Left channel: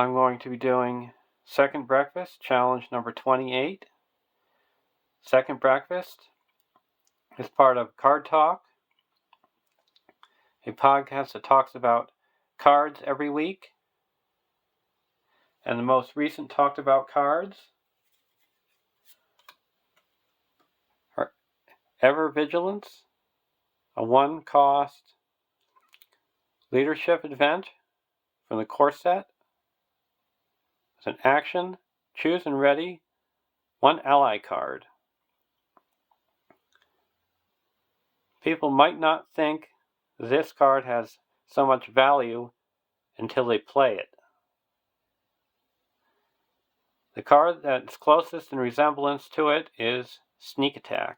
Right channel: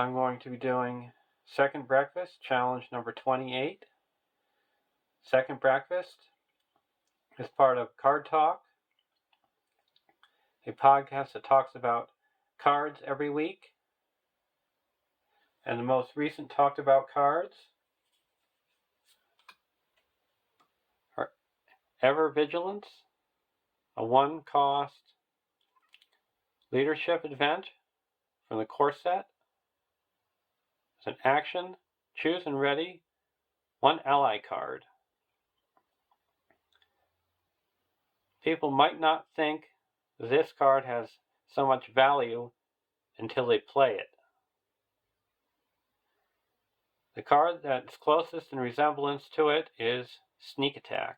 I'm going to be doing Second Breakfast, challenge number 28. Second Breakfast is part of Card Talk, a podcast that talks about cards every week. And the most recent talked about cards are Ever Vigilant, a 1-cost leadership event from the core set. It's an action, choose and ready, 1 ally card. People might not think this card has so much value until they play it. The card that's closest in resemblance to it is Sneak Attack.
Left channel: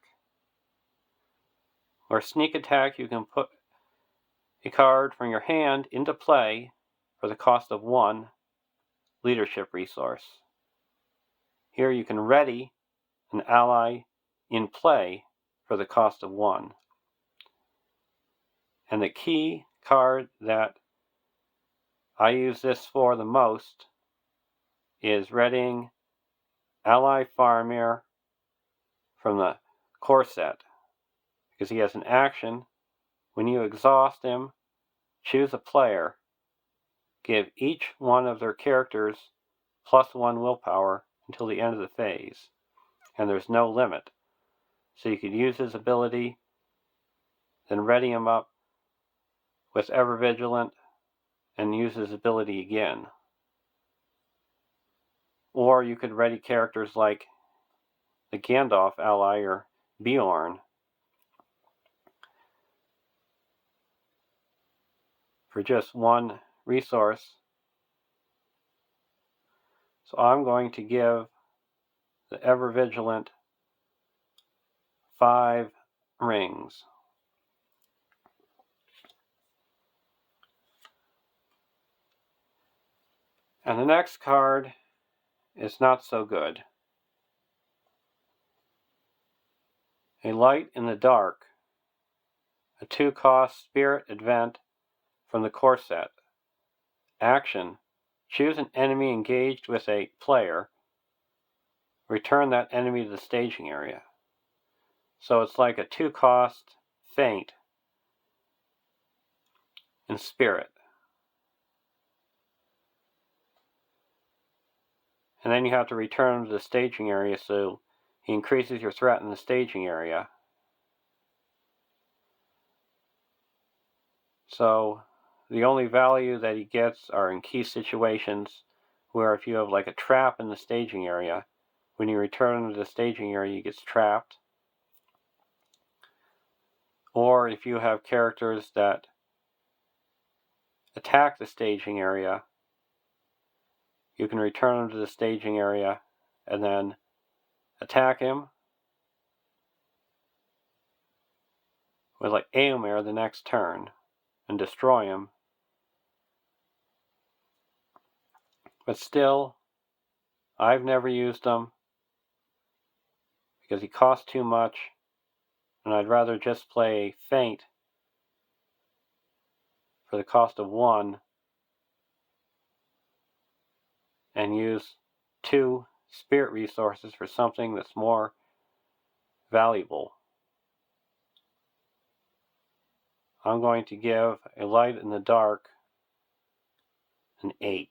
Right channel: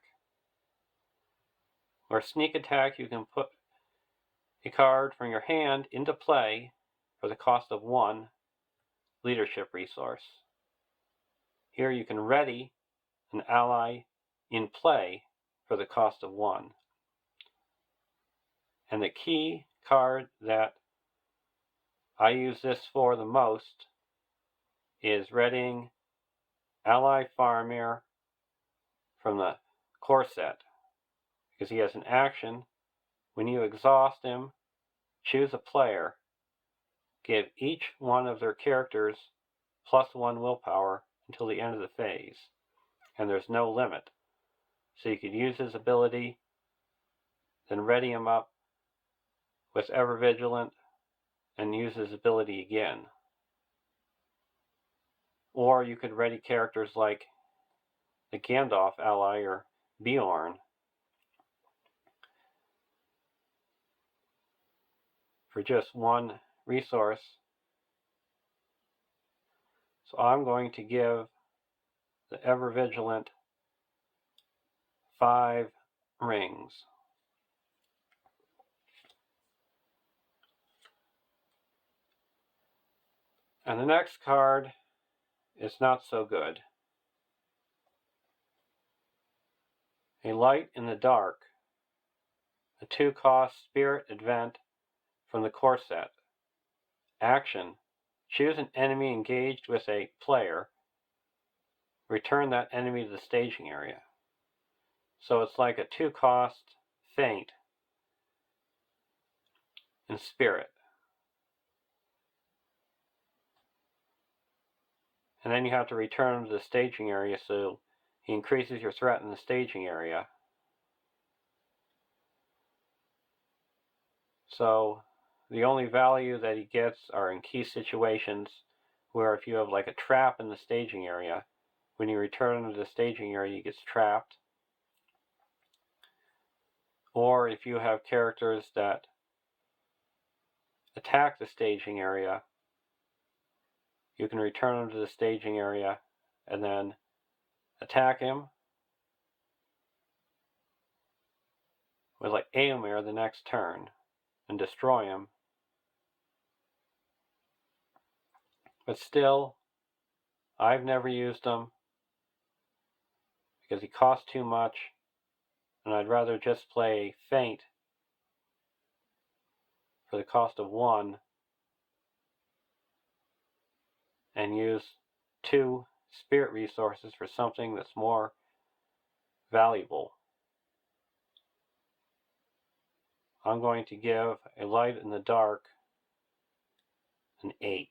Where Sneak Attack, you can put a card from your hand into play for the cost of 1 leadership resource. Here you can ready an ally in play for the cost of 1. And the key card that I use this for the most is readying Ally Faramir from the core set, because he has an action. When you exhaust him, choose a player, give each one of their characters +1 willpower until the end of the phase, and there's no limit. So you could use his ability, then ready him up with Ever Vigilant, and use his ability again. Or you could ready characters like the Gandalf ally or Bjorn for just 1 resource. So I'm going to give the Ever Vigilant 5 rings. And the next card is not so good. A Light in the Dark, a 2-cost spirit event from the core set. Action, choose an enemy engaged with a player, return that enemy to the staging area. So it's like a 2-cost feint in spirit. And then you have to return him to the staging area, so he increases your threat in the staging area. So the only value that he gets are in key situations where if you have like a trap in the staging area, when you return him to the staging area, he gets trapped. Or if you have characters that attack the staging area, you can return him to the staging area and then attack him with like Éomer the next turn and destroy him. But still, I've never used him because he costs too much, and I'd rather just play Feint for the cost of 1 and use 2 spirit resources for something that's more valuable. I'm going to give A Light in the Dark an 8.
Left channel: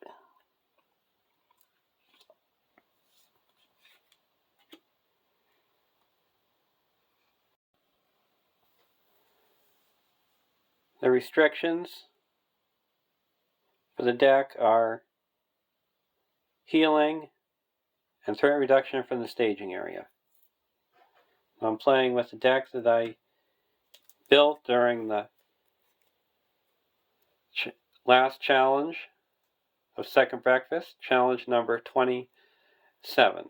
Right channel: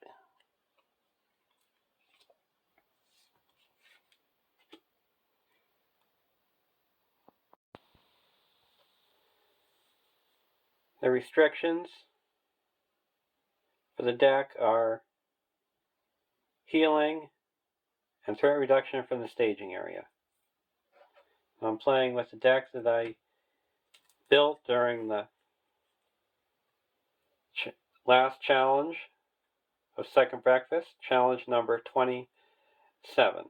The restrictions for the deck are healing and threat reduction from the staging area. I'm playing with the deck that I built during the last challenge of Second Breakfast, challenge number 27.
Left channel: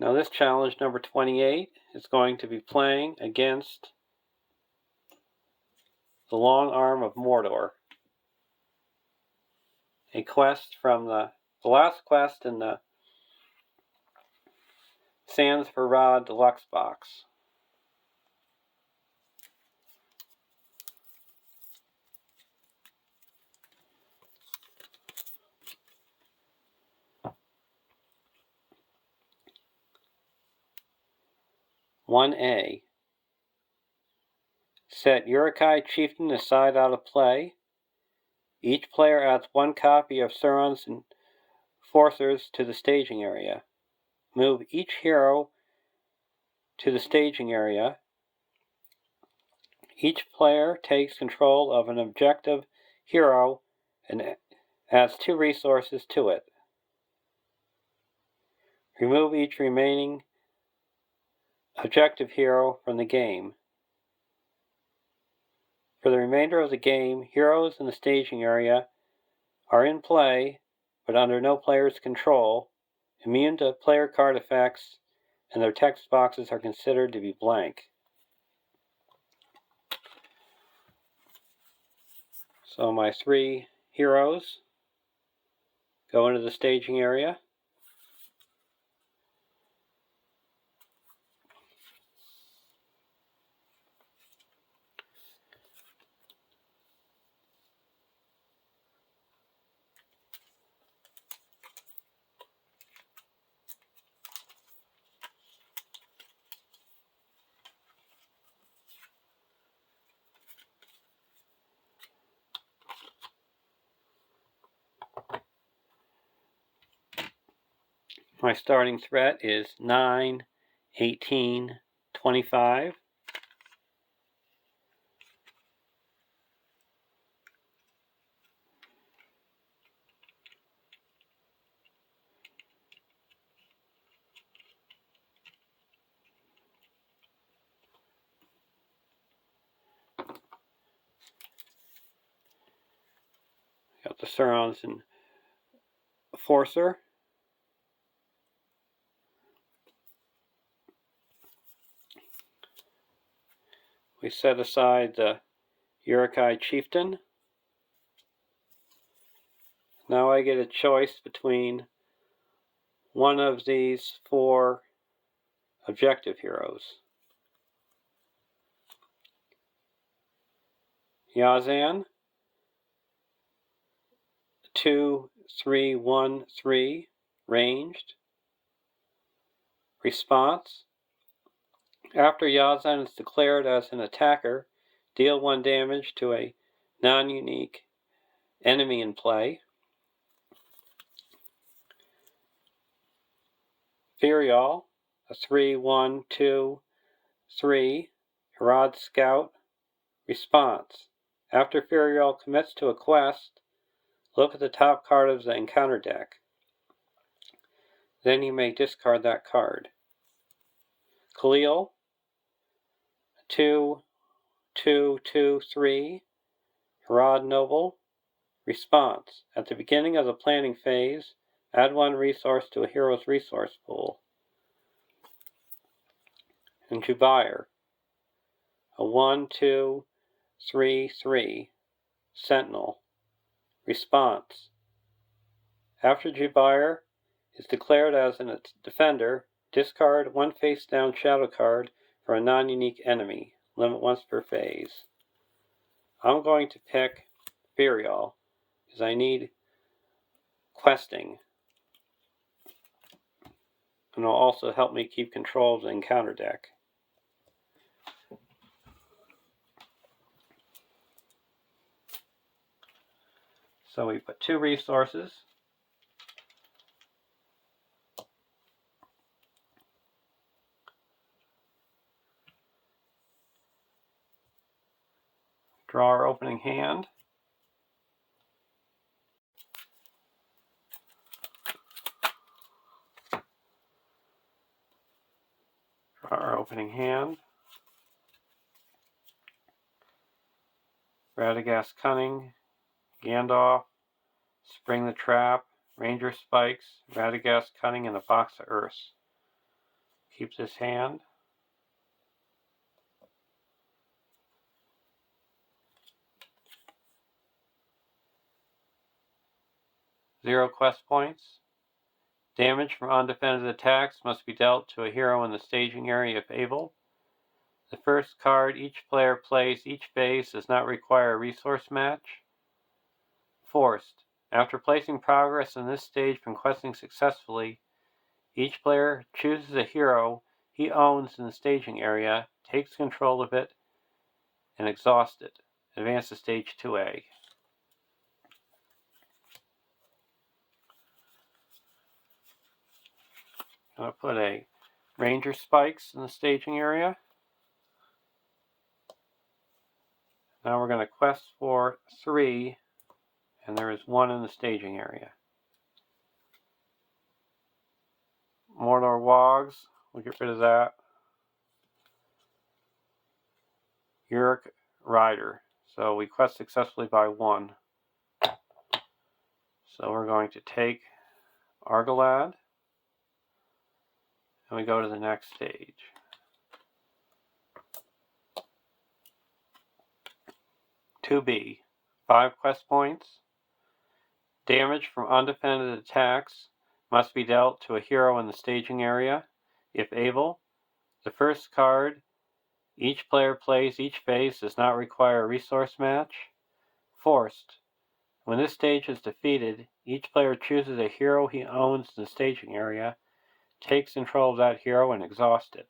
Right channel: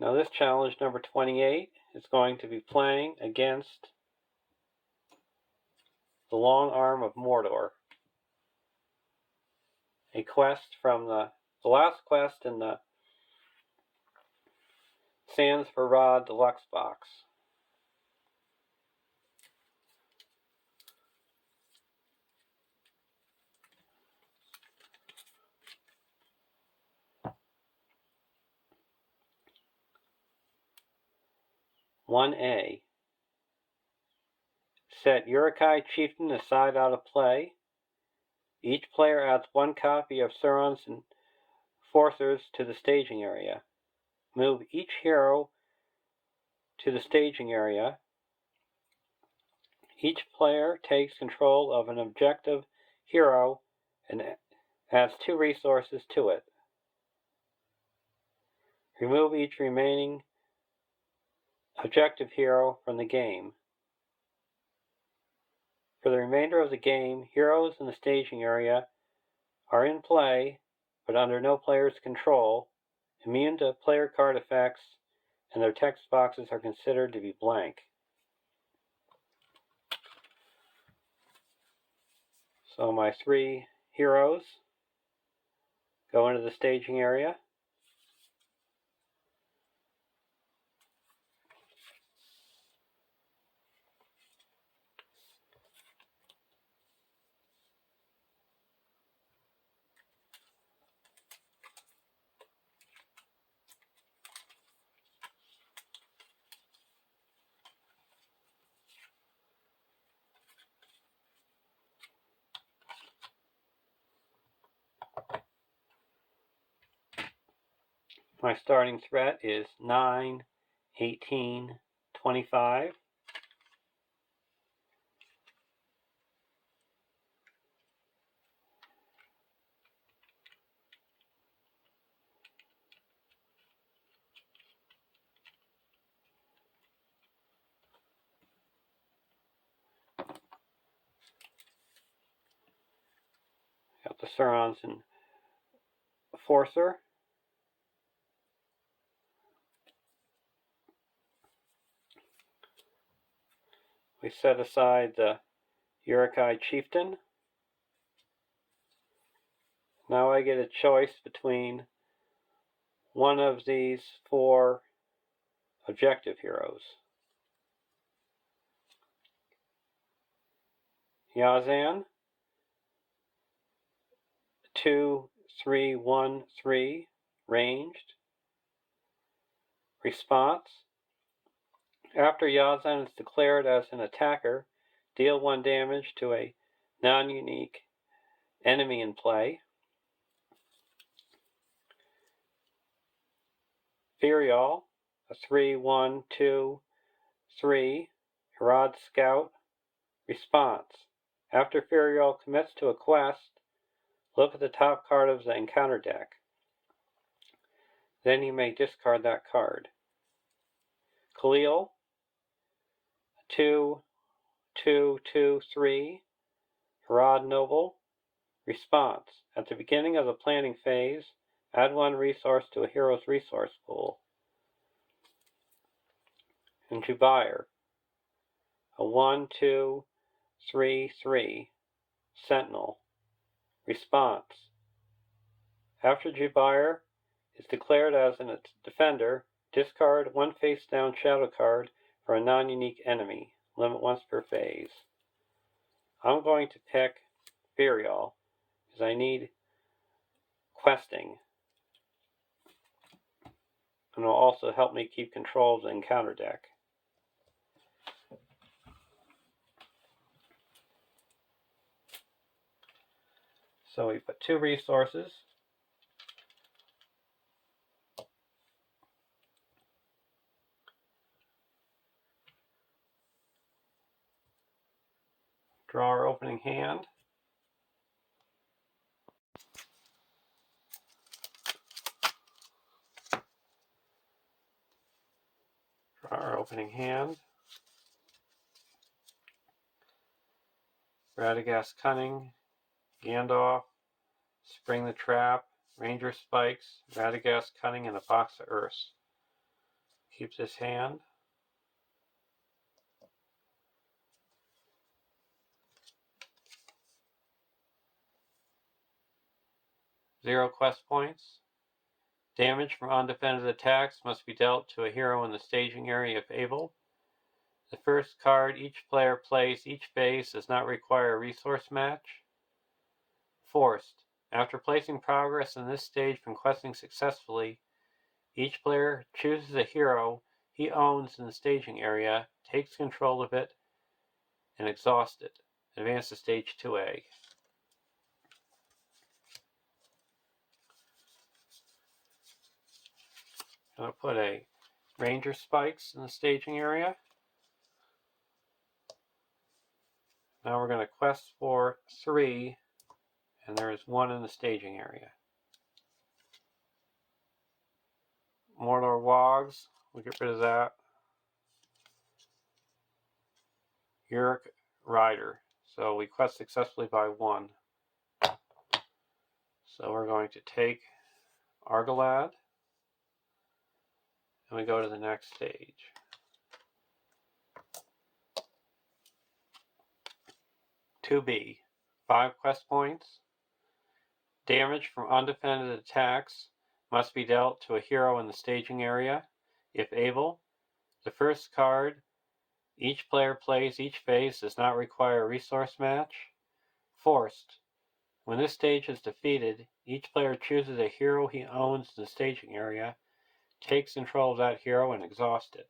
Now this challenge number 28 is going to be playing against the Long Arm of Mordor, a quest from the last quest in the Sands for Rod Deluxe box. 1A. Set Uruk-hai Chieftain aside out of play. Each player adds 1 copy of Sauron's Enforcers to the staging area. Move each hero to the staging area. Each player takes control of an objective hero and adds 2 resources to it. Remove each remaining objective hero from the game. For the remainder of the game, heroes in the staging area are in play, but under no player's control, immune to player card effects, and their text boxes are considered to be blank. So my 3 heroes go into the staging area. My starting threat is 9, 18, 25. Got the Sauron's Enforcer. We set aside the Uruk-hai Chieftain. Now I get a choice between one of these 4 objective heroes. Yazan, 2, 3, 1, 3, ranged. Response: after Yazan is declared as an attacker, deal 1 damage to a non-unique enemy in play. Firial, a 3, 1, 2, 3, Herod Scout. Response: after Firial commits to a quest, look at the top card of the encounter deck. Then you may discard that card. Khalil, 2, 2, 2, 3, Herod Noble. Response: at the beginning of the planning phase, add 1 resource to a hero's resource pool. And Jubair, a 1, 2, 3, 3, Sentinel. Response: after Jubair is declared as a defender, discard 1 face-down shadow card for a non-unique enemy. Limit once per phase. I'm going to pick Firial because I need questing. And it'll also help me keep control of the encounter deck. So we put 2 resources. Draw our opening hand. Draw our opening hand. Radagast Cunning, Gandalf, Spring the Trap, Ranger Spikes, Radagast Cunning, and a box of Earths. Keep this hand. Zero quest points. Damage from undefended attacks must be dealt to a hero in the staging area if able. The first card each player plays each phase does not require a resource match. Forced. After placing progress in this stage from questing successfully, each player chooses a hero he owns in the staging area, takes control of it, and exhausts it. Advance to stage 2A. I'm going to put a Ranger Spikes in the staging area. Now we're going to quest for 3, and there is 1 in the staging area. Mordor Wogs, we'll get rid of that. Uric Rider, so we quest successfully by 1. So we're going to take Argalad, and we go to the next stage. "2B, 5 quest points. Damage from undefended attacks must be dealt to a hero in the staging area. If able, the first card each player plays each phase does not require a resource match. Forced. When this stage is defeated, each player chooses a hero he owns in the staging area, takes control of that hero, and exhausts it."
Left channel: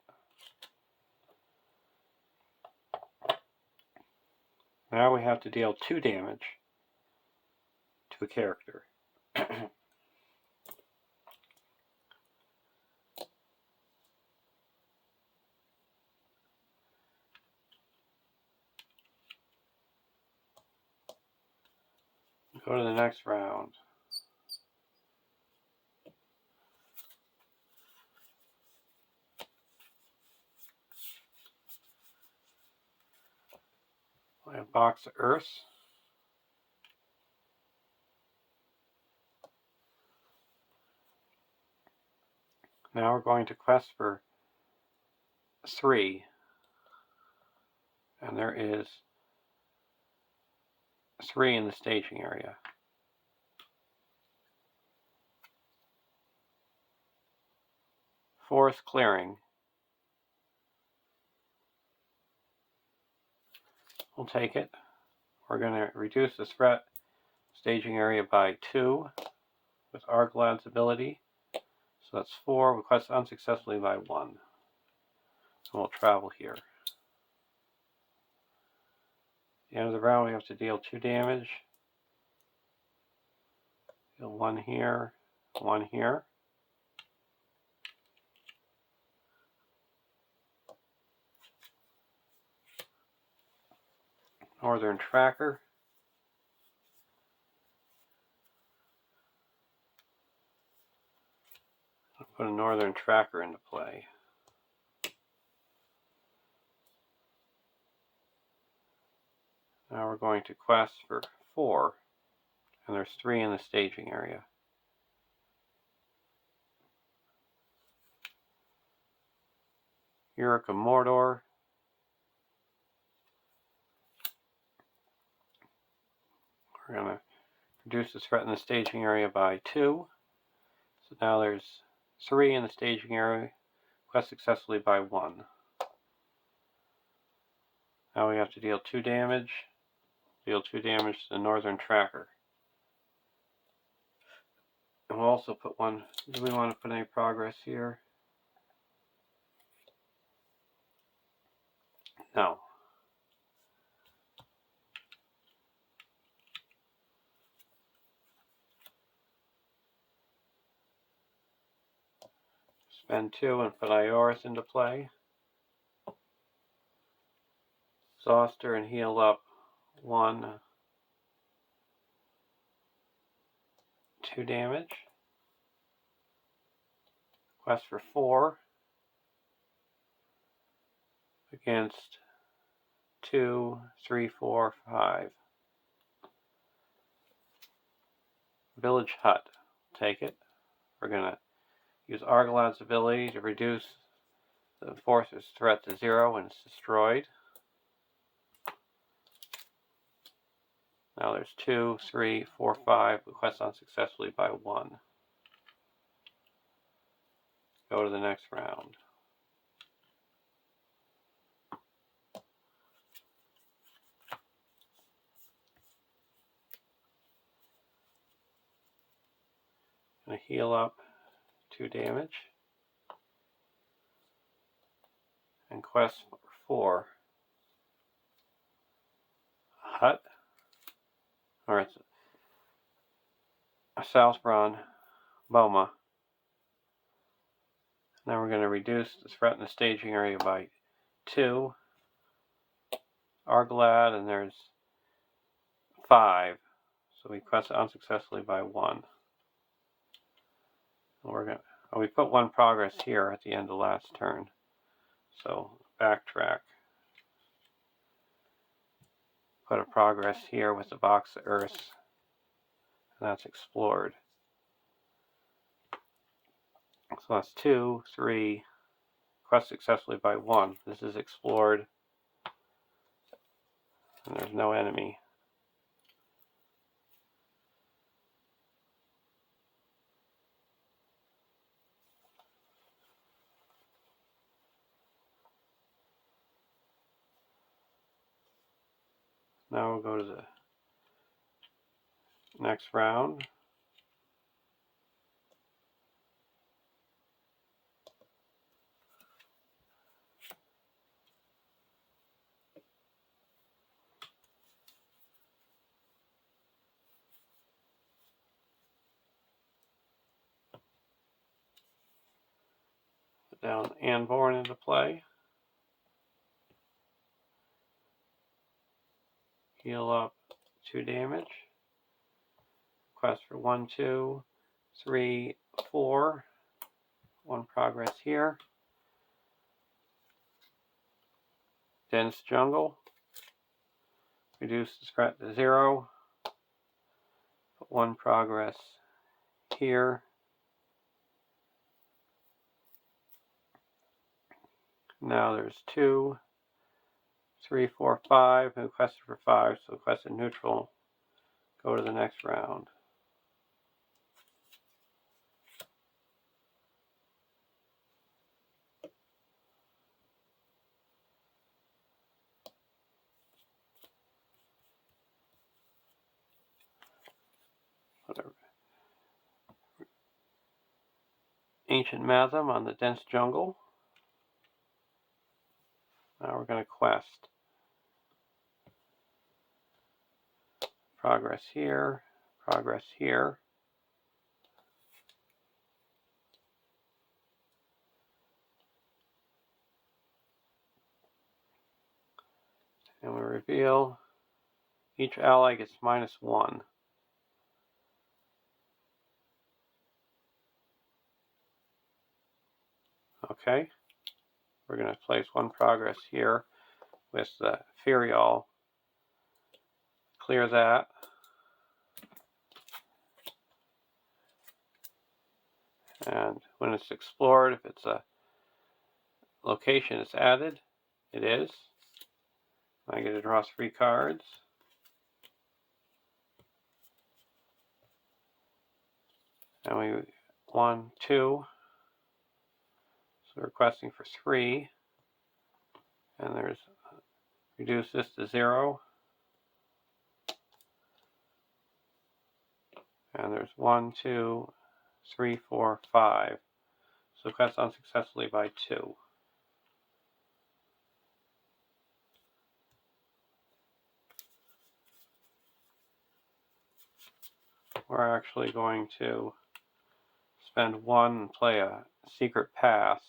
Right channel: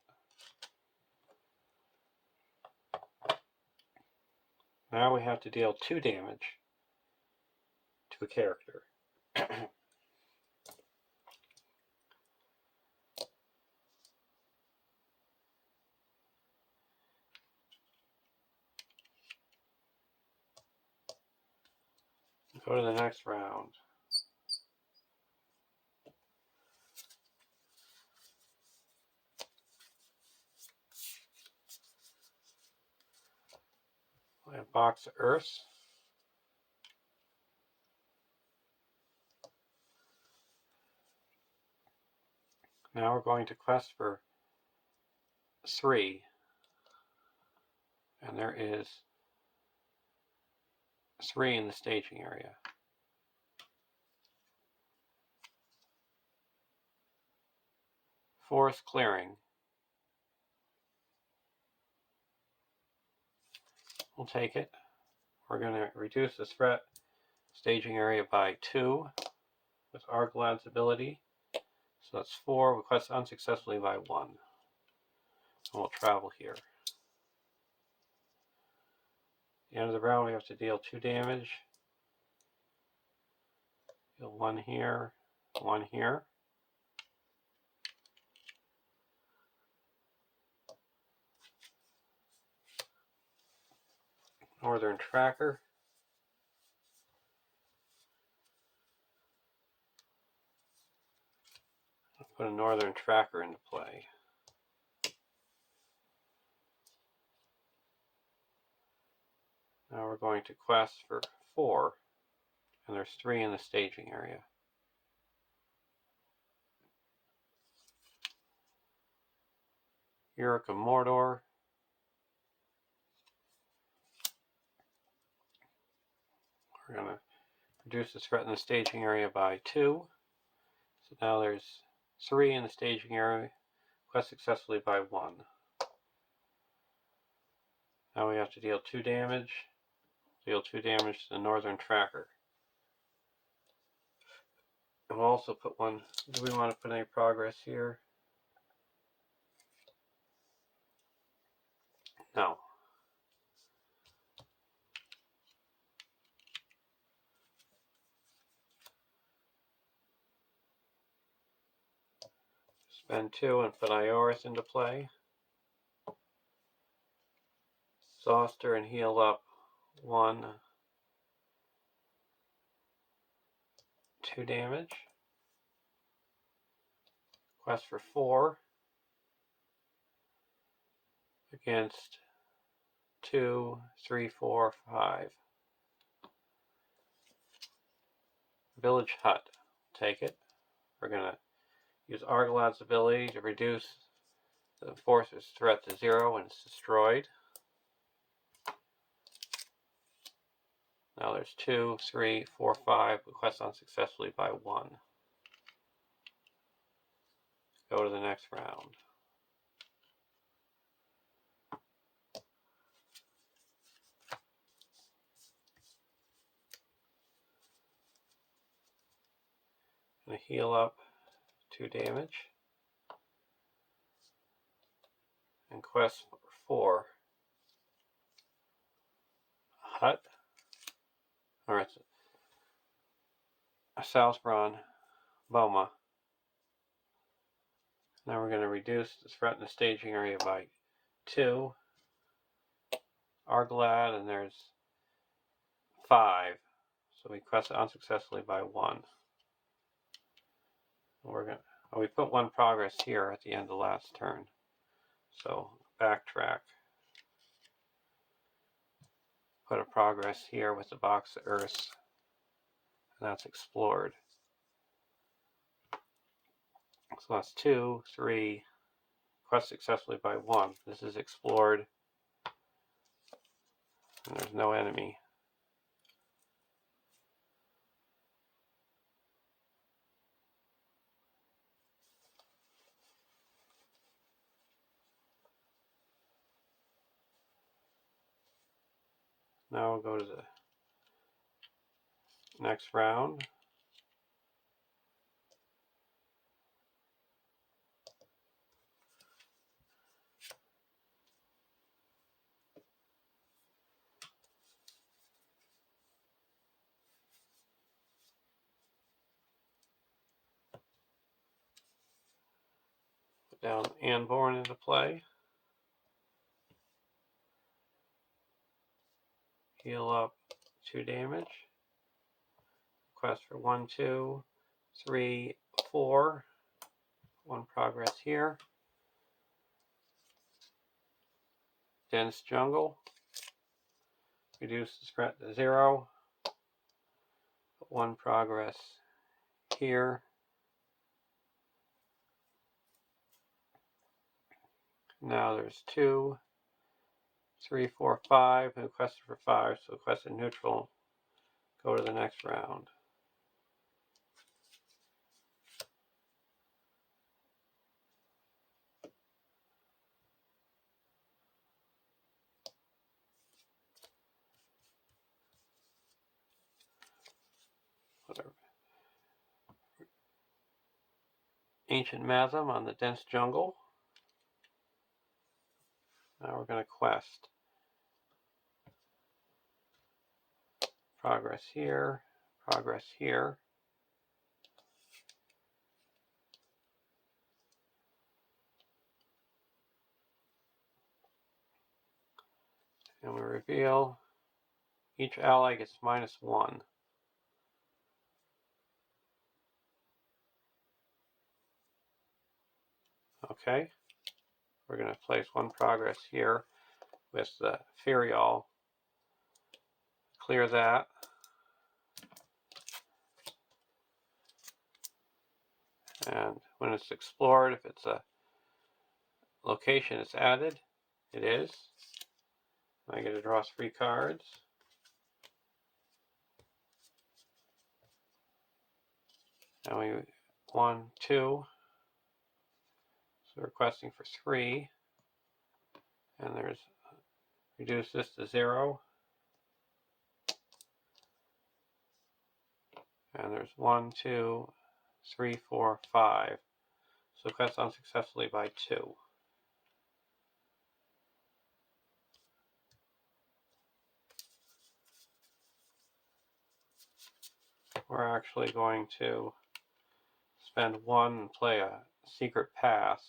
Now we have to deal 2 damage to a character. Go to the next round. I have a box of Earths. Now we're going to quest for 3. And there is 3 in the staging area. Forest Clearing. We'll take it. We're going to reduce the threat staging area by 2 with Argalad's ability. So that's 4. We quest unsuccessfully by 1. And we'll travel here. At the end of the round, we have to deal 2 damage. Deal 1 here, 1 here. Northern Tracker. I'll put a Northern Tracker into play. Now we're going to quest for 4, and there's 3 in the staging area. Uric of Mordor. We're going to reduce the threat in the staging area by 2. So now there's 3 in the staging area. Quest successfully by 1. Now we have to deal 2 damage. Deal 2 damage to the Northern Tracker. And we'll also put 1. Do we want to put any progress here? No. Spend 2 and put Ioris into play. Exhaust her and heal up 1, 2 damage. Quest for 4 against 2, 3, 4, 5. Village Hut. Take it. We're going to use Argalad's ability to reduce the force's threat to 0 when it's destroyed. Now there's 2, 3, 4, 5. We quest unsuccessfully by 1. Go to the next round. Gonna heal up 2 damage. and quest 4. Hut, or it's a Southbron Boma. Then we're going to reduce the threat in the staging area by 2. Arglad, and there's 5. So we quest unsuccessfully by 1. And we put 1 progress here at the end of last turn. So backtrack. Put a progress here with the box of Earths. And that's explored. So that's 2, 3. Quest successfully by 1. This is explored. And there's no enemy. Now we'll go to the next round. Put down Anborn into play. Heal up 2 damage. Quest for 1, 2, 3, 4. 1 progress here. Dense Jungle. Reduce the threat to 0. Put 1 progress here. Now there's 2, 3, 4, 5. Who quested for 5, so quested neutral. Go to the next round. Ancient Mathem on the Dense Jungle. Now we're going to quest. Progress here, progress here. And we reveal each ally gets -1. Okay, we're going to place 1 progress here with the Ferial. Clear that. And when it's explored, if it's a location it's added, it is. I get to draw 3 cards. And we 1, 2. So we're requesting for 3. And there's reduce this to 0. And there's 1, 2, 3, 4, 5. So quest unsuccessfully by 2. We're actually going to spend 1 and play a secret pass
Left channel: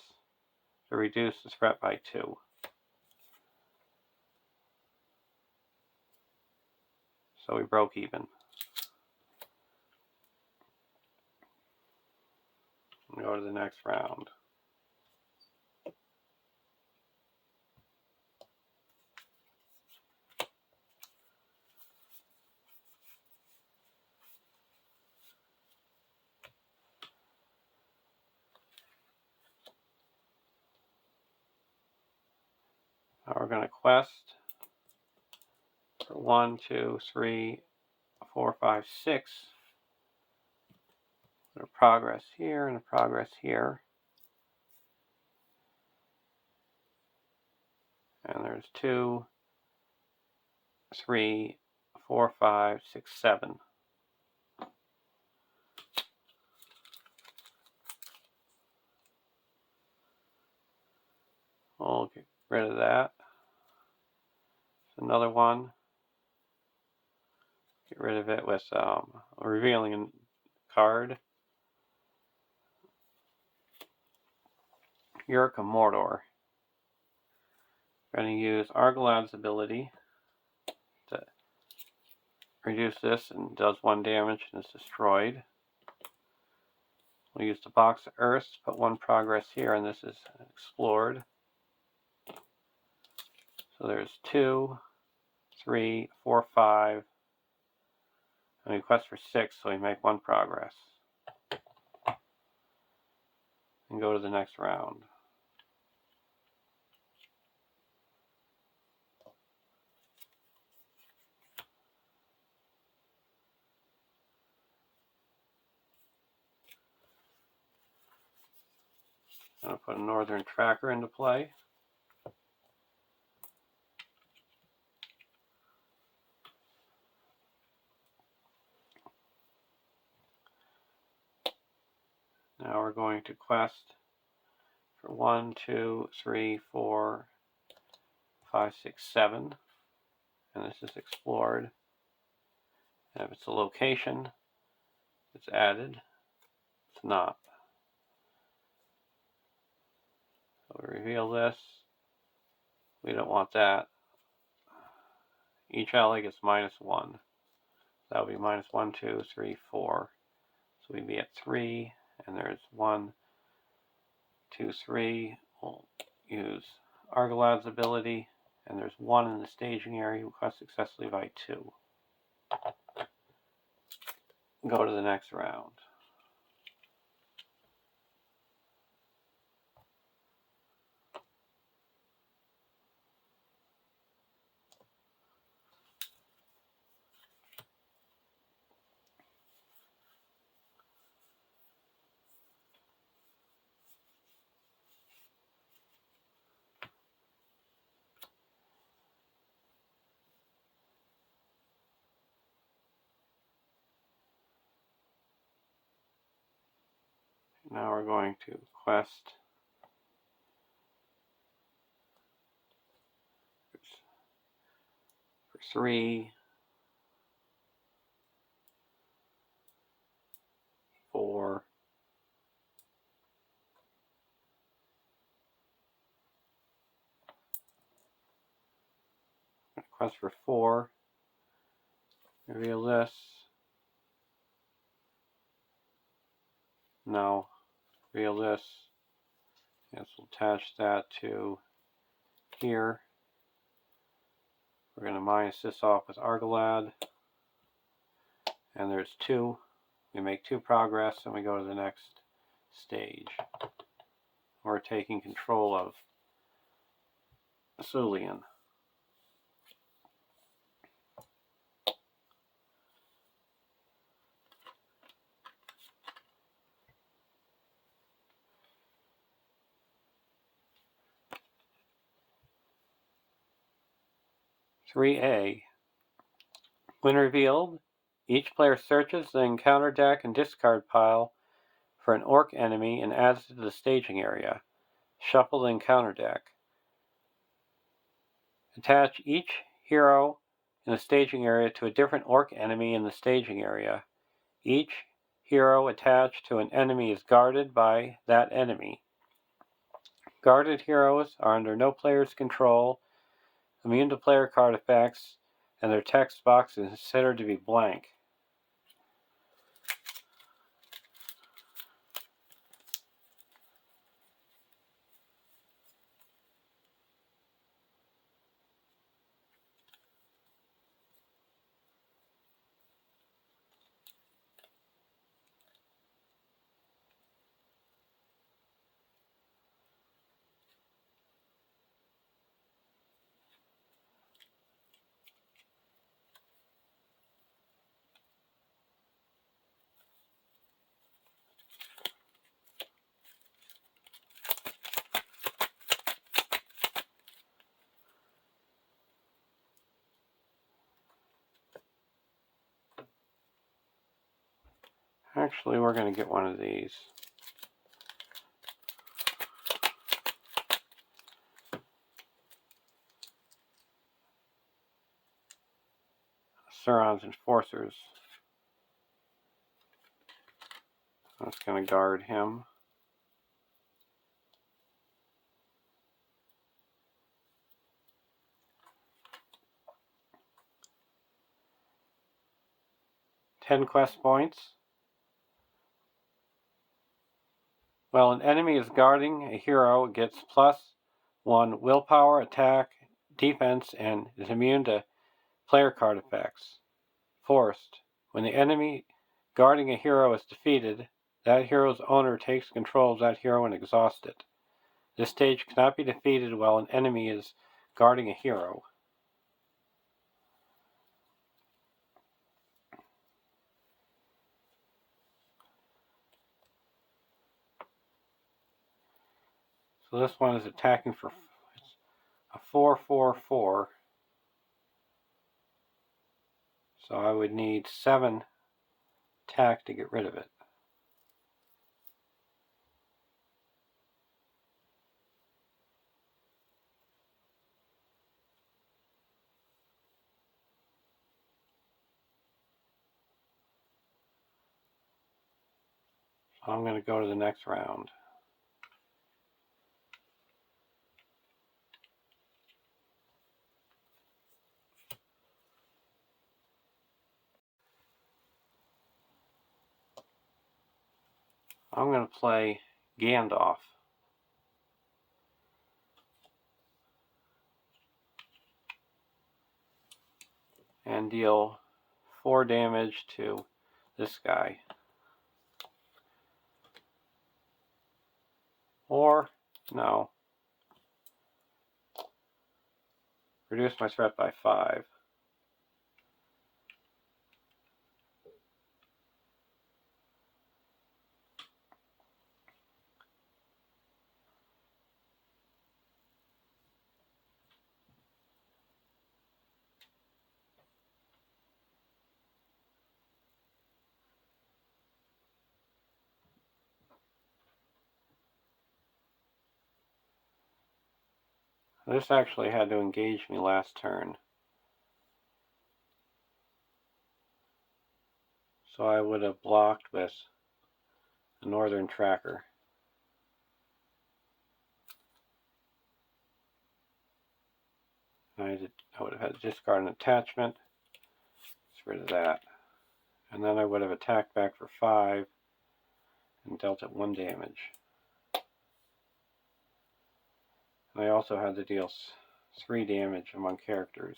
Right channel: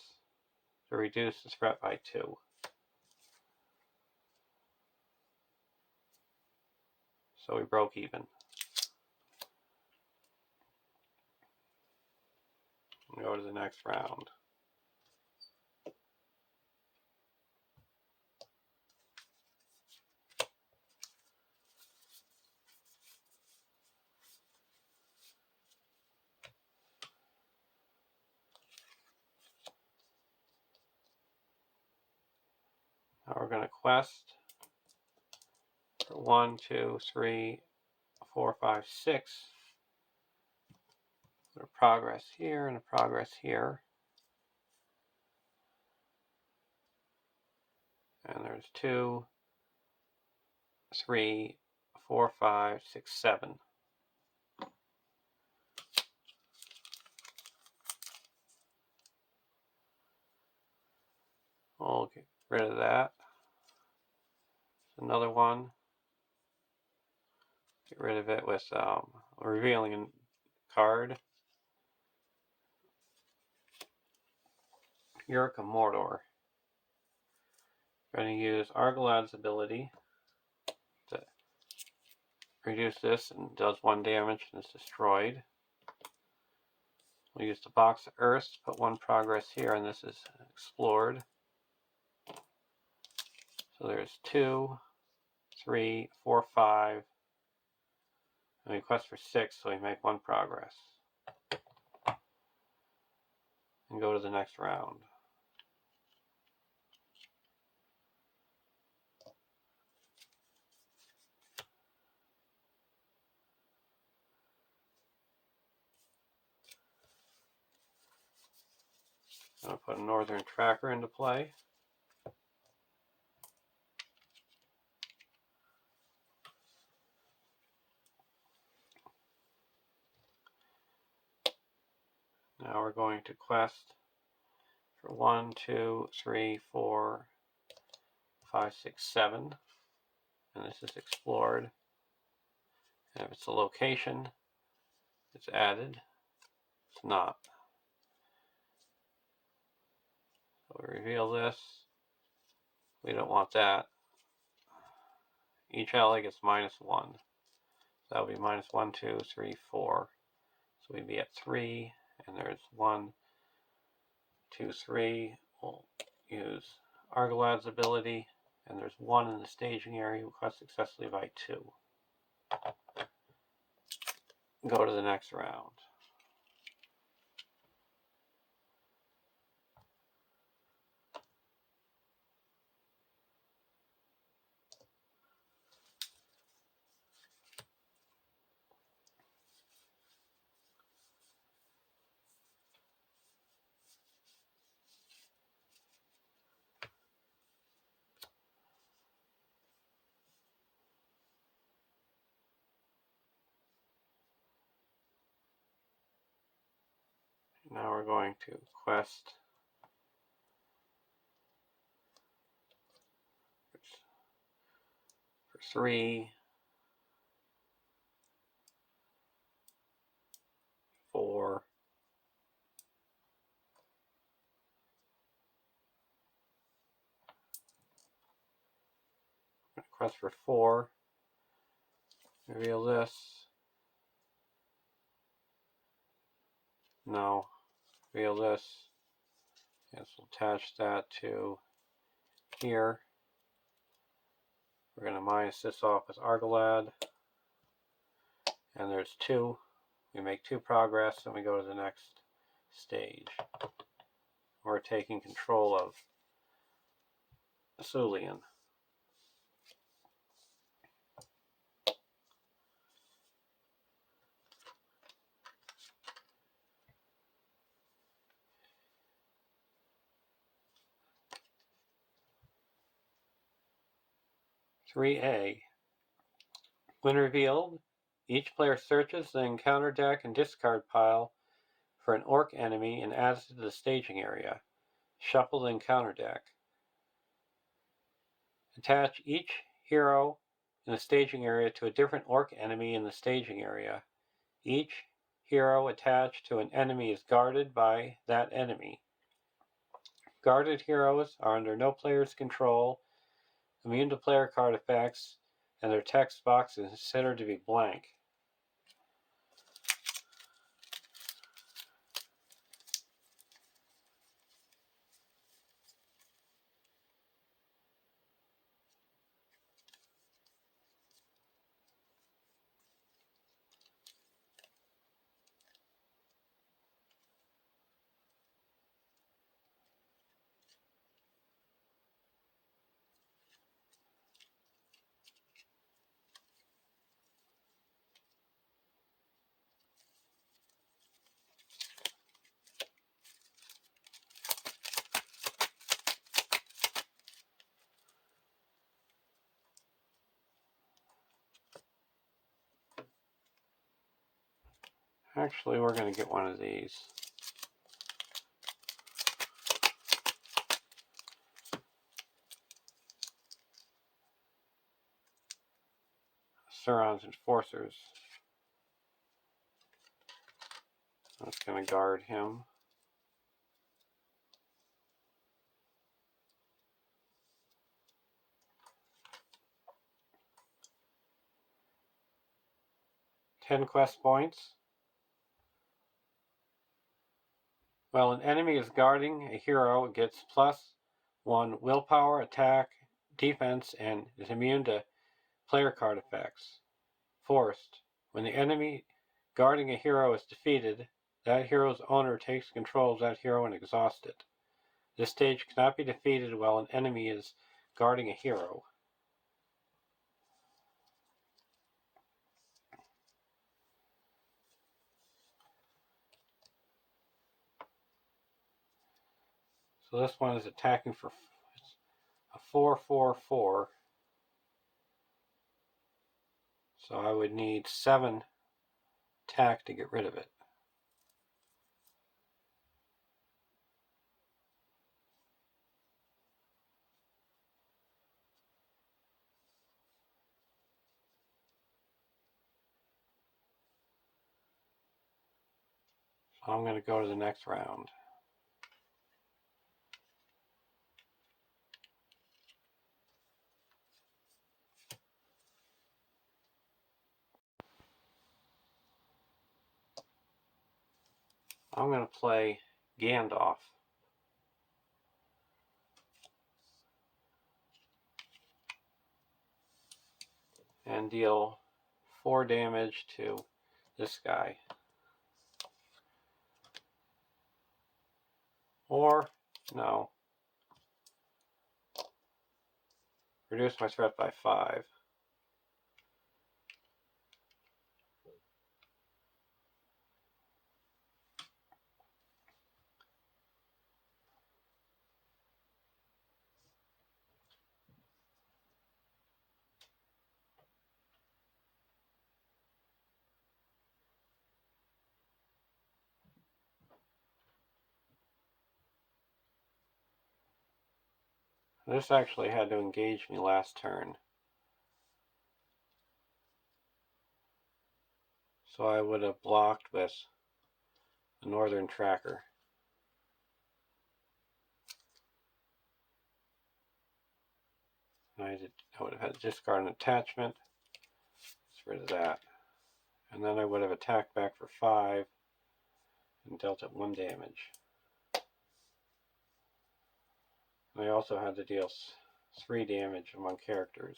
to reduce the threat by 2. So we broke even. Go to the next round. Now we're going to quest for 1, 2, 3, 4, 5, 6. Put a progress here and a progress here. And there's 2, 3, 4, 5, 6, 7. Okay. rid of that. Another one. Get rid of it with revealing a card. Yurk of Mordor. Going to use Argalad's ability to reduce this, and does 1 damage and is destroyed. We'll use the box of Earth to put 1 progress here, and this is explored. So there's 2, 3, 4, 5. And we quest for 6, so we make 1 progress. And go to the next round. I'm going to put a Northern Tracker into play. Now we're going to quest for 1, 2, 3, 4, 5, 6, 7. And this is explored. And if it's a location, it's added. It's not. So we reveal this. We don't want that. Each ally gets -1. So that would be -1, 2, 3, 4. So we'd be at 3, and there's 1, 2, 3. We'll use Argalad's ability, and there's 1 in the staging area who quest successfully by 2. Go to the next round. Now we're going to quest for 3, 4, quest for 4. Reveal this. No. Reveal this. Yes, we'll attach that to here. We're going to minus this off with Argalad. And there's 2. We make 2 progress, and we go to the next stage. We're taking control of Sulian. (3A). When revealed, each player searches the encounter deck and discard pile for an orc enemy and adds it to the staging area. Shuffle the encounter deck. Attach each hero in the staging area to a different orc enemy in the staging area. Each hero attached to an enemy is guarded by that enemy. Guarded heroes are under no player's control, immune to player card effects, and their text box is considered to be blank. Actually, we're going to get one of these. Sauron's enforcers. I'm just going to guard him. Ten quest points. While an enemy is guarding a hero, it gets +1 willpower, attack, defense, and is immune to player card effects. Forced. When the enemy guarding a hero is defeated, that hero's owner takes control of that hero and exhausts it. This stage cannot be defeated while an enemy is guarding a hero. So this one is attacking for a 4/4/4. So I would need 7 attack to get rid of it. So I'm going to go to the next round. I'm going to play Gandalf. And deal 4 damage to this guy. Or, no. Reduce my threat by 5. This actually had to engage me last turn. So I would have blocked with a Northern Tracker. I would have had to discard an attachment. Get rid of that. And then I would have attacked back for 5 and dealt it 1 damage. And I also had to deal 3 damage among characters.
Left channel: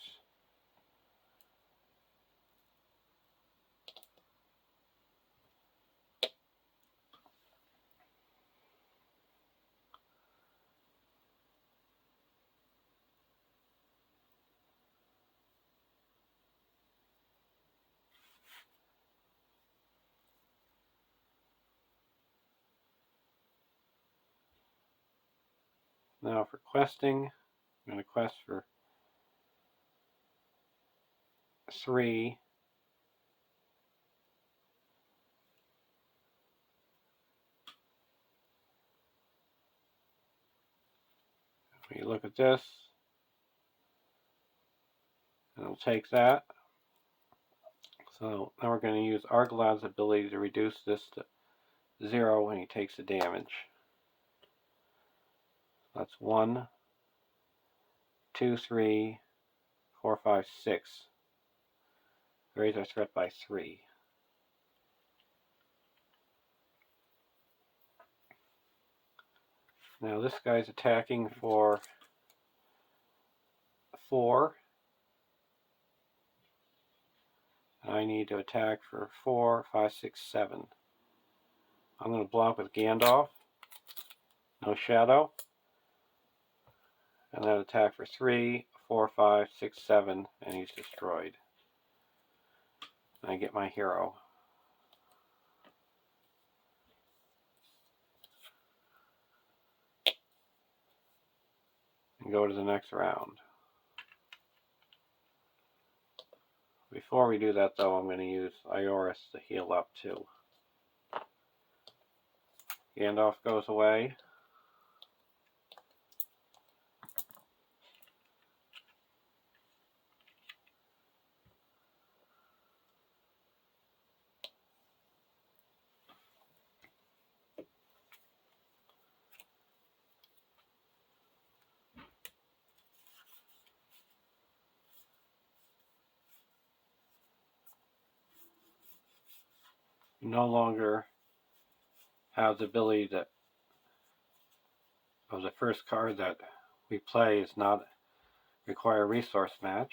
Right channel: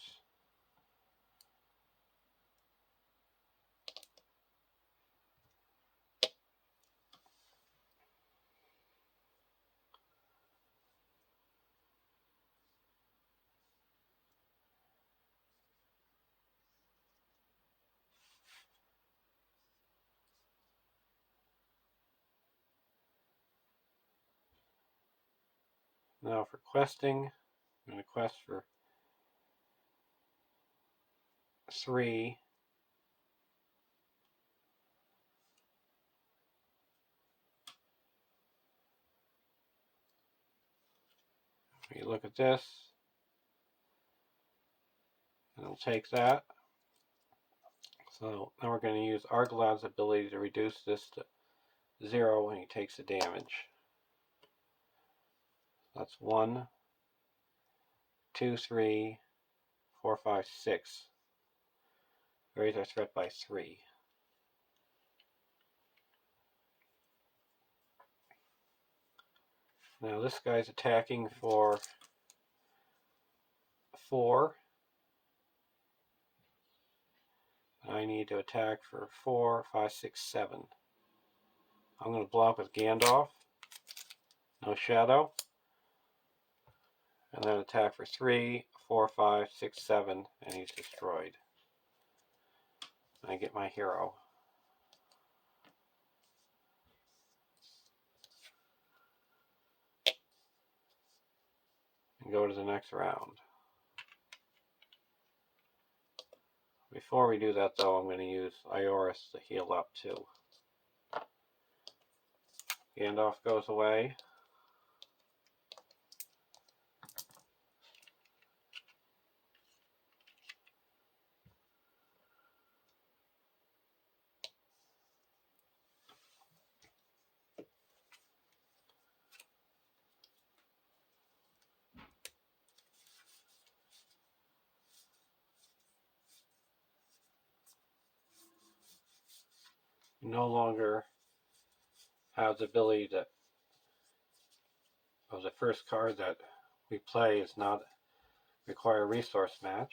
Now for questing, I'm going to quest for 3. You look at this, and it'll take that. So now we're going to use Argalad's ability to reduce this to 0 when he takes the damage. That's 1, 2, 3, 4, 5, 6. Raise our threat by 3. Now this guy's attacking for 4. I need to attack for 4, 5, 6, 7. I'm going to block with Gandalf. No shadow. And then attack for 3, 4, 5, 6, 7, and he's destroyed. And I get my hero. And go to the next round. Before we do that though, I'm going to use Ioris to heal up too. Gandalf goes away. no longer have the ability to, of the first card that we play is not require resource match.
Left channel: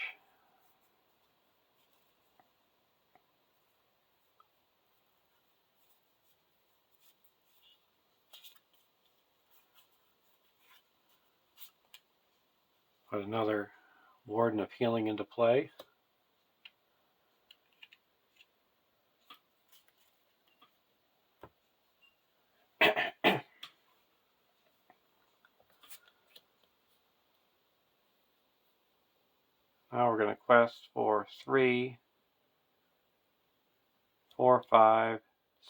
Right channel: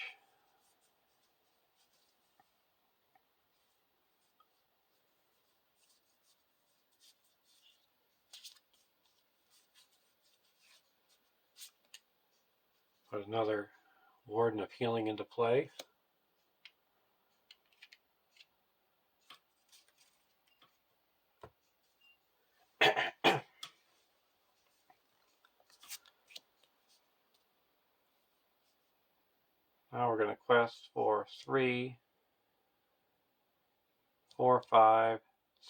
Put another Warden of Healing into play. Now we're going to quest for 3, 4, 5,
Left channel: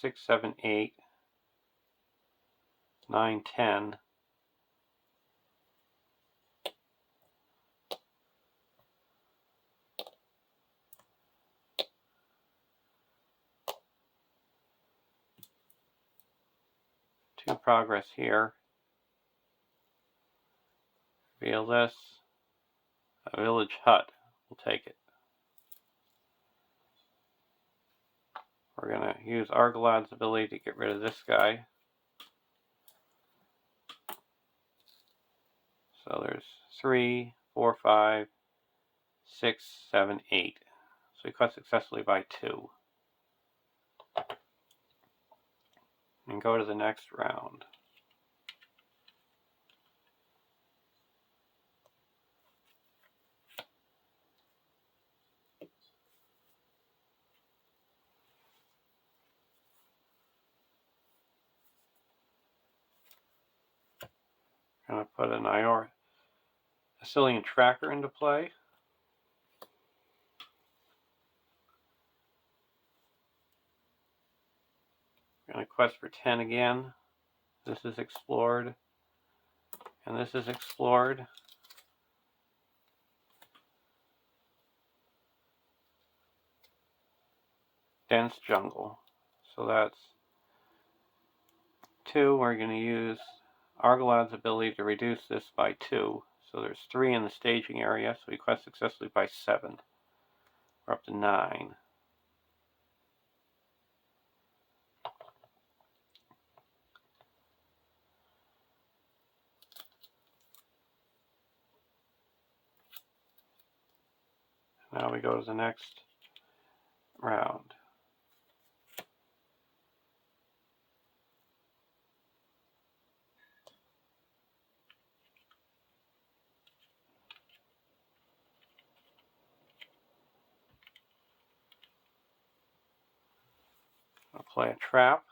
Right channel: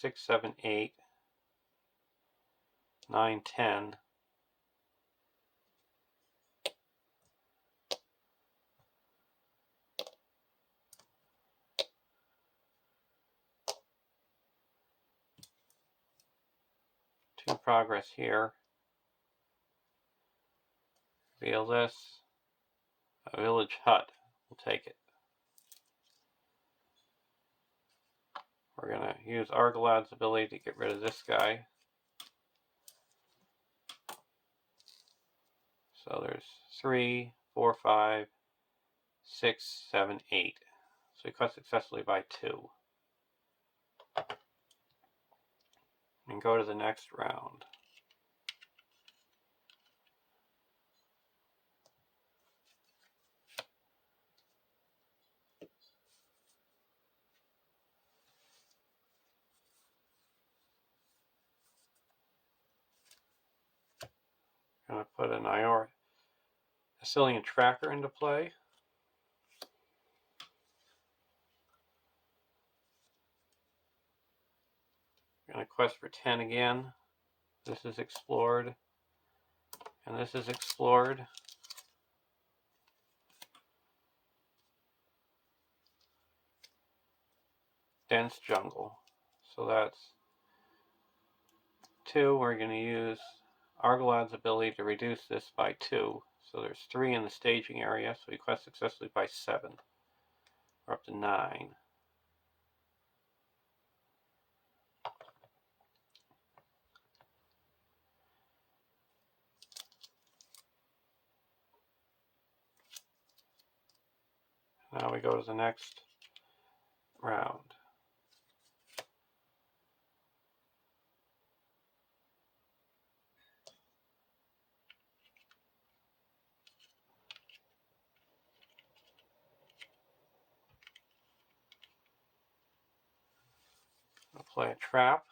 6, 7, 8, 9, 10. Two progress here. Reveal this. A village hut. We'll take it. We're going to use Argalad's ability to get rid of this guy. So there's 3, 4, 5, 6, 7, 8. So we cut successfully by 2. And go to the next round. I'm going to put an Assyrian tracker into play. I'm going to quest for 10 again. This is explored. And this is explored. Dense jungle. So that's 2. We're going to use Argalad's ability to reduce this by 2. So there's 3 in the staging area, so we quest successfully by 7. We're up to 9. Now we go to the next round. I'll play a trap.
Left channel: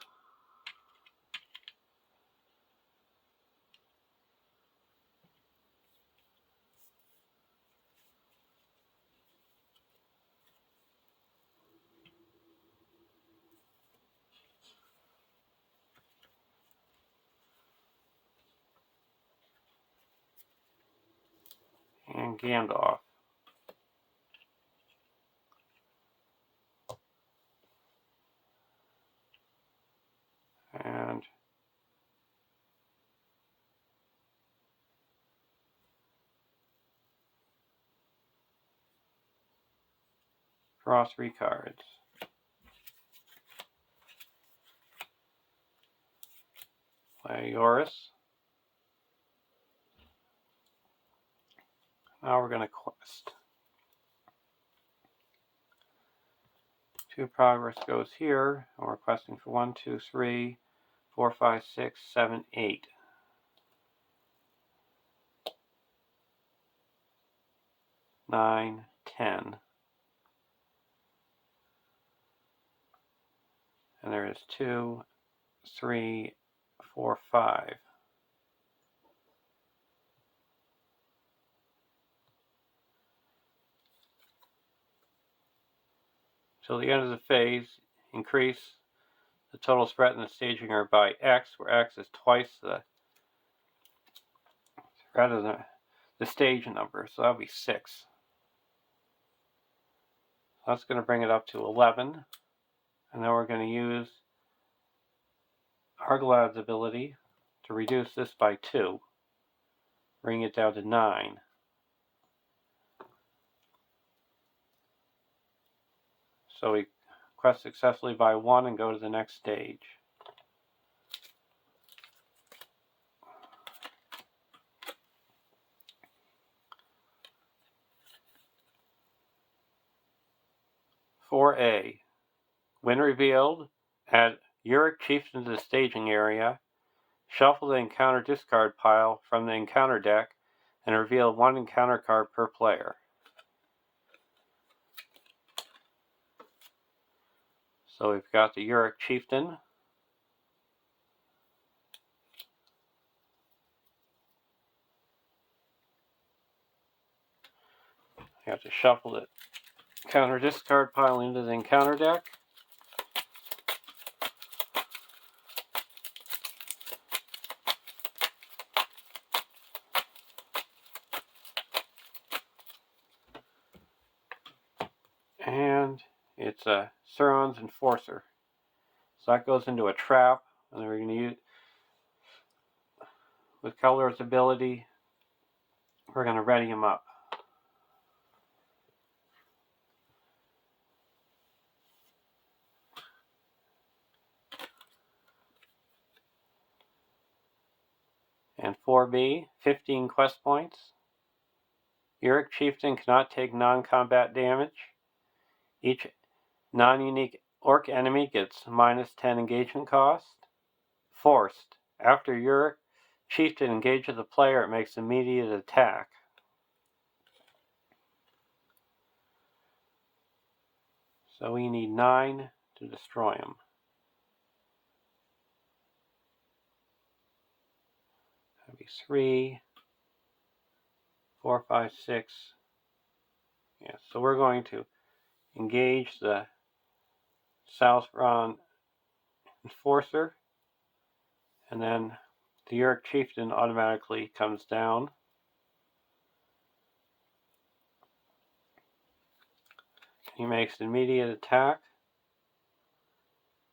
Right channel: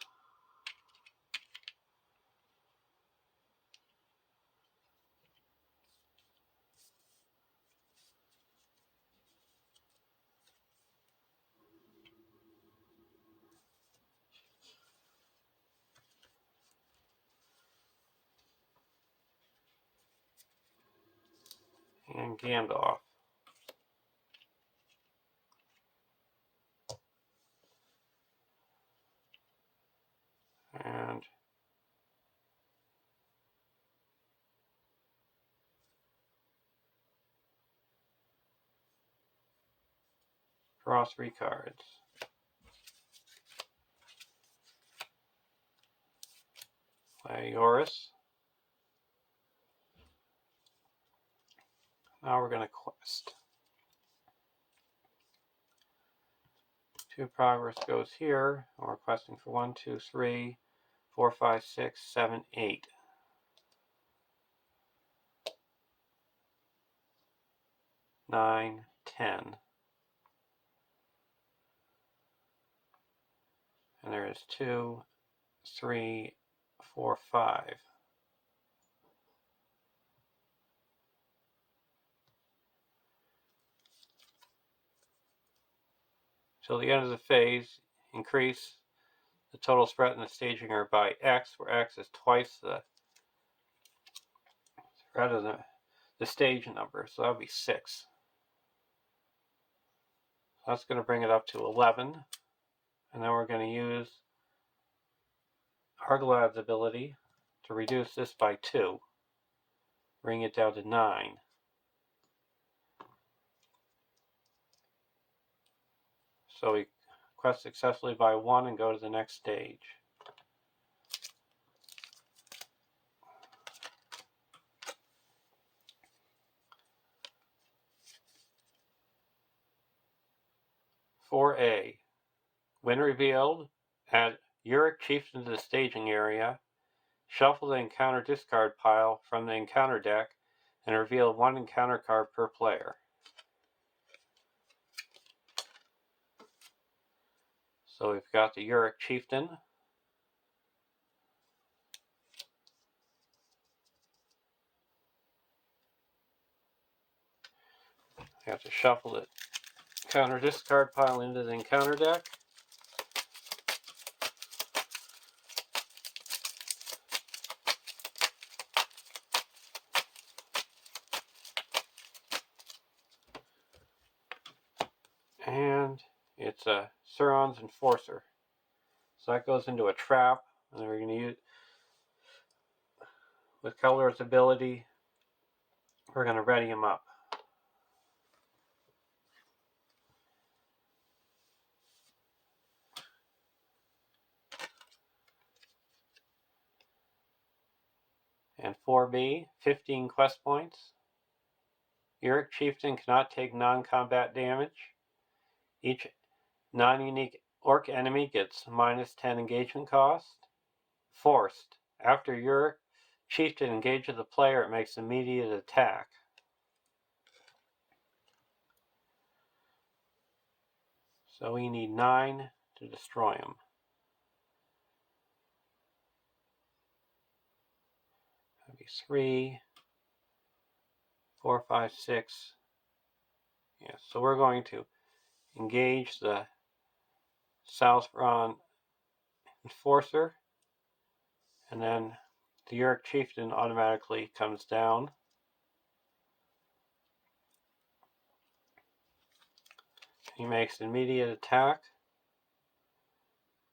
And Gandalf. And draw 3 cards. Play Yoris. Now we're going to quest. 2 progress goes here, and we're questing for 1, 2, 3, 4, 5, 6, 7, 8. 9, 10. And there is 2, 3, 4, 5. Till the end of the phase, increase the total threat in the staging area by X, where X is twice the threat of the stage number, so that would be 6. So that's going to bring it up to 11. And then we're going to use Argalad's ability to reduce this by 2, bring it down to 9. So we quest successfully by 1 and go to the next stage. (4A) When revealed, add Uric Chieftain to the staging area, shuffle the encounter discard pile from the encounter deck, and reveal 1 encounter card per player. So we've got the Uric Chieftain. You have to shuffle the encounter discard pile into the encounter deck. And it's a Sauron's Enforcer. So that goes into a trap, and then we're going to use, with Color's ability, we're going to ready him up. And 4B, 15 quest points. Uric Chieftain cannot take non-combat damage. Each non-unique orc enemy gets -10 engagement cost. Forced. After Uric Chieftain engages the player, it makes immediate attack. So we need 9 to destroy him. That'd be 3, 4, 5, 6. Yeah, so we're going to engage the Sauron Enforcer, and then the Uric Chieftain automatically comes down. He makes an immediate attack.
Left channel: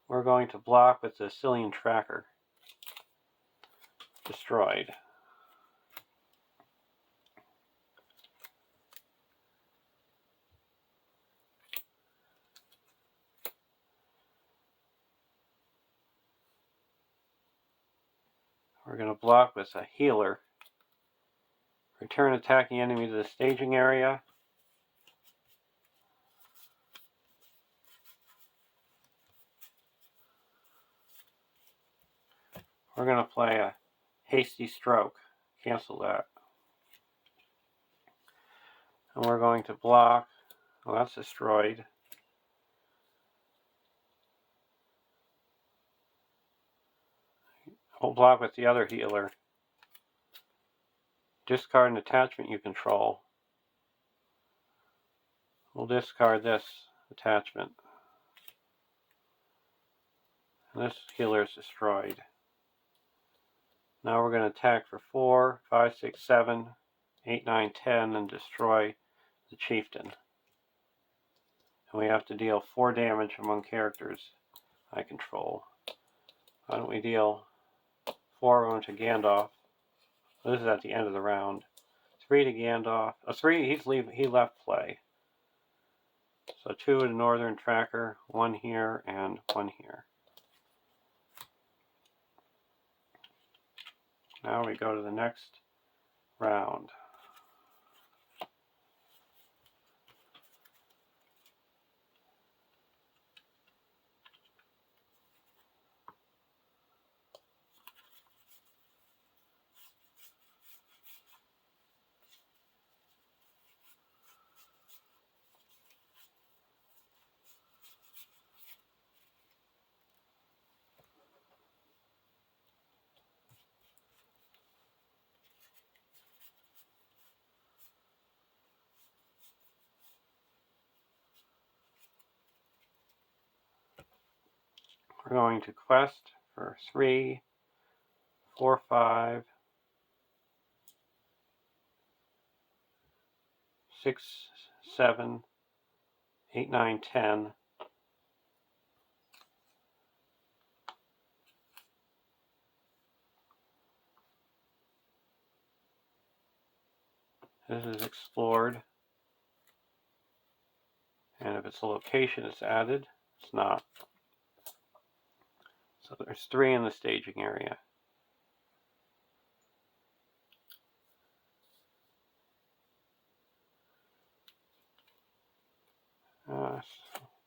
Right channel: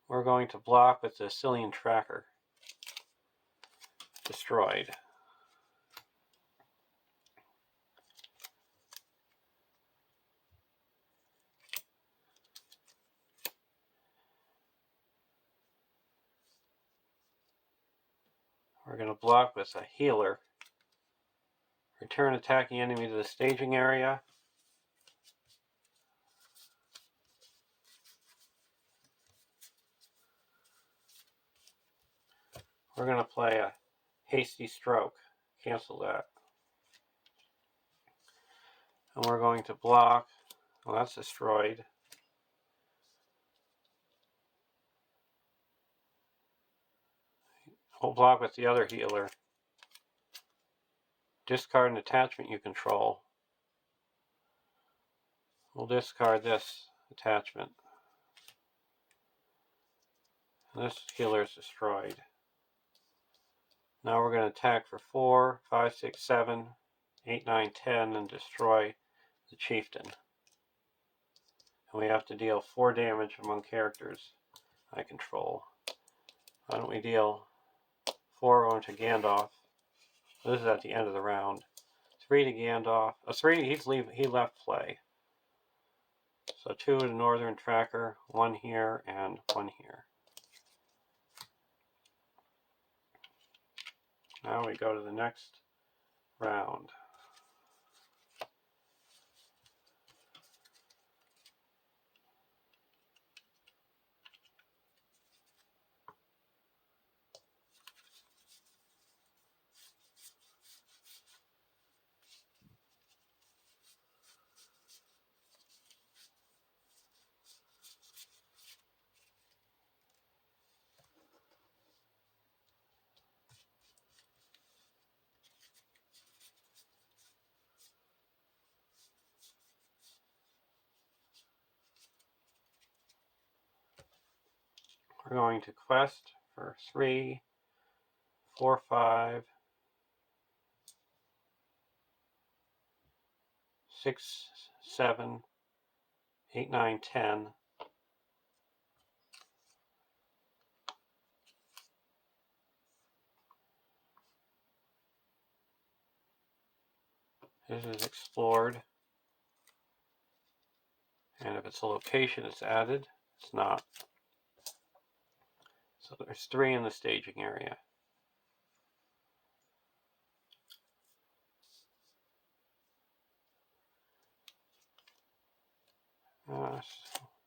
We're going to block with the Cillian Tracker. Destroyed. We're going to block with a Healer. Return attacking enemy to the staging area. We're going to play a Hasty Stroke. Cancel that. And we're going to block. Well, that's destroyed. We'll block with the other Healer. Discard an attachment you control. We'll discard this attachment. And this Healer is destroyed. Now we're going to attack for 4, 5, 6, 7, 8, 9, 10 and destroy the Chieftain. And we have to deal 4 damage among characters I control. Why don't we deal 4 onto Gandalf? This is at the end of the round. 3 to Gandalf. 3, he left play. So 2 to Northern Tracker, 1 here, and 1 here. Now we go to the next round. We're going to quest for 3, 4, 5, 6, 7, 8, 9, 10. This is explored. And if it's a location, it's added. It's not. So there's 3 in the staging area.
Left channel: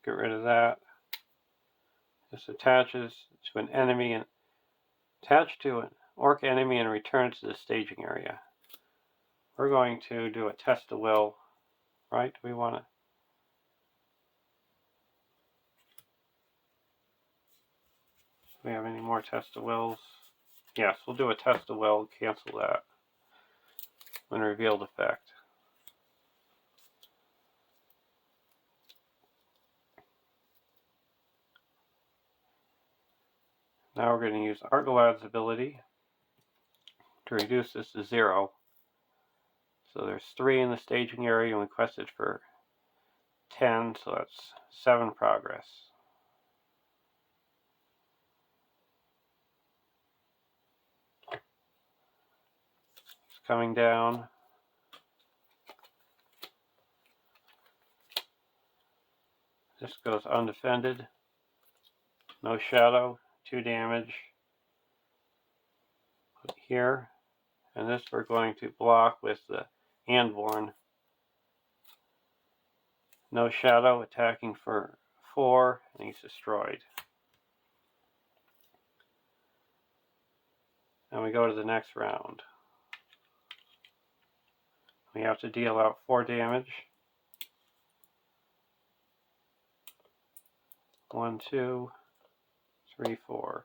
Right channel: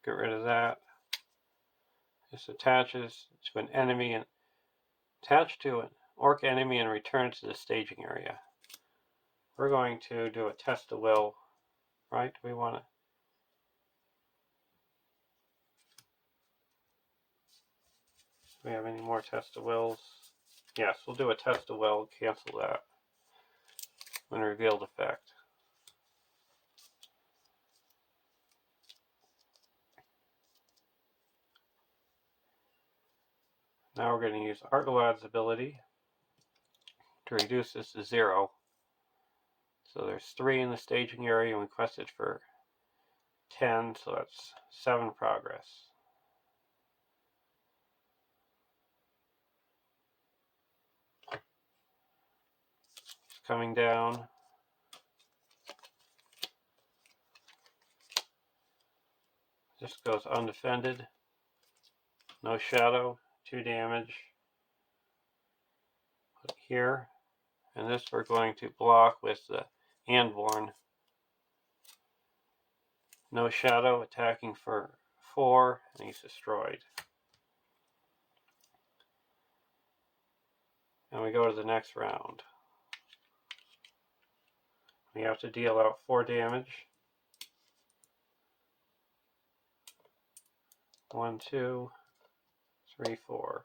Get rid of that. This attaches to an enemy and attach to an orc enemy and returns to the staging area. We're going to do a test of will, right? Do we have any more test of wills? Yes, we'll do a test of will, cancel that when revealed effect. Now we're going to use Argolad's ability to reduce this to 0. So there's 3 in the staging area and we requested for 10, so that's 7 progress. It's coming down. This goes undefended. No shadow, 2 damage. Put it here. And this we're going to block with the Andborn. No shadow, attacking for 4, and he's destroyed. And we go to the next round. We have to deal out 4 damage. 1, 2, 3, 4.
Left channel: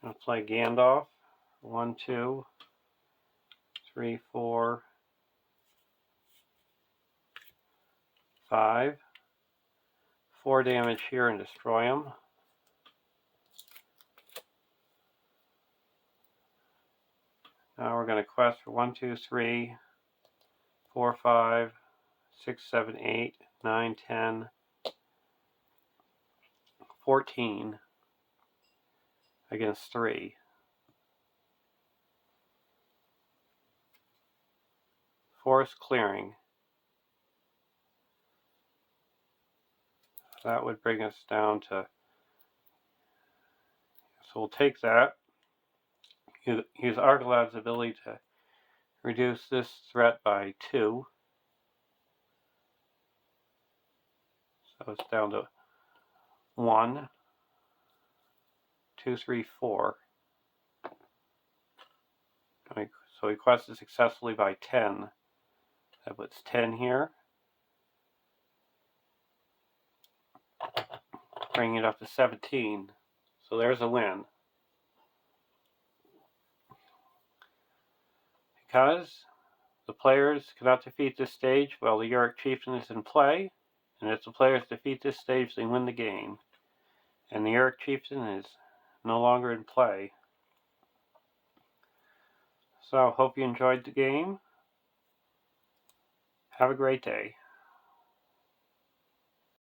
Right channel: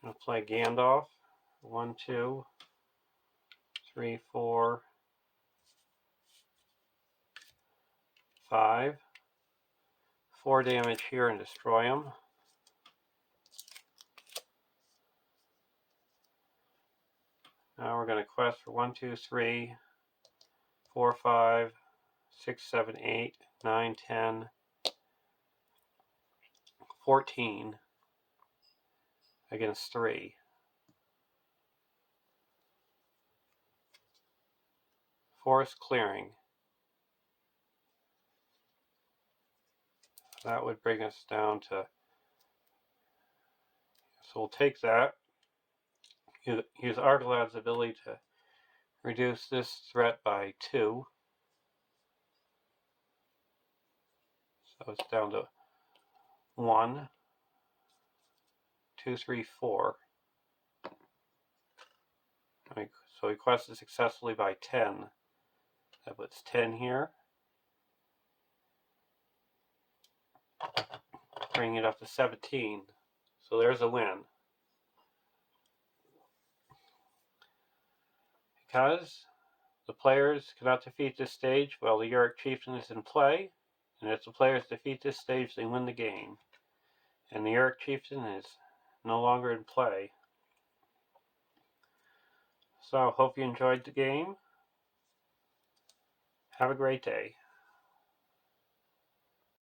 I'm going to play Gandalf. 1, 2, 3, 4, 5. 4 damage here and destroy him. Now we're going to quest for 1, 2, 3, 4, 5, 6, 7, 8, 9, 10, 14 against 3. Forest clearing. That would bring us down to, so we'll take that. Use Argolad's ability to reduce this threat by 2. So it's down to 1, 2, 3, 4. So we quested successfully by 10. That puts 10 here. Bringing it up to 17. So there's a win. Because the players cannot defeat this stage while the Yorick Chieftain is in play, and if the players defeat this stage, they win the game. And the Yorick Chieftain is no longer in play. So, hope you enjoyed the game. Have a great day.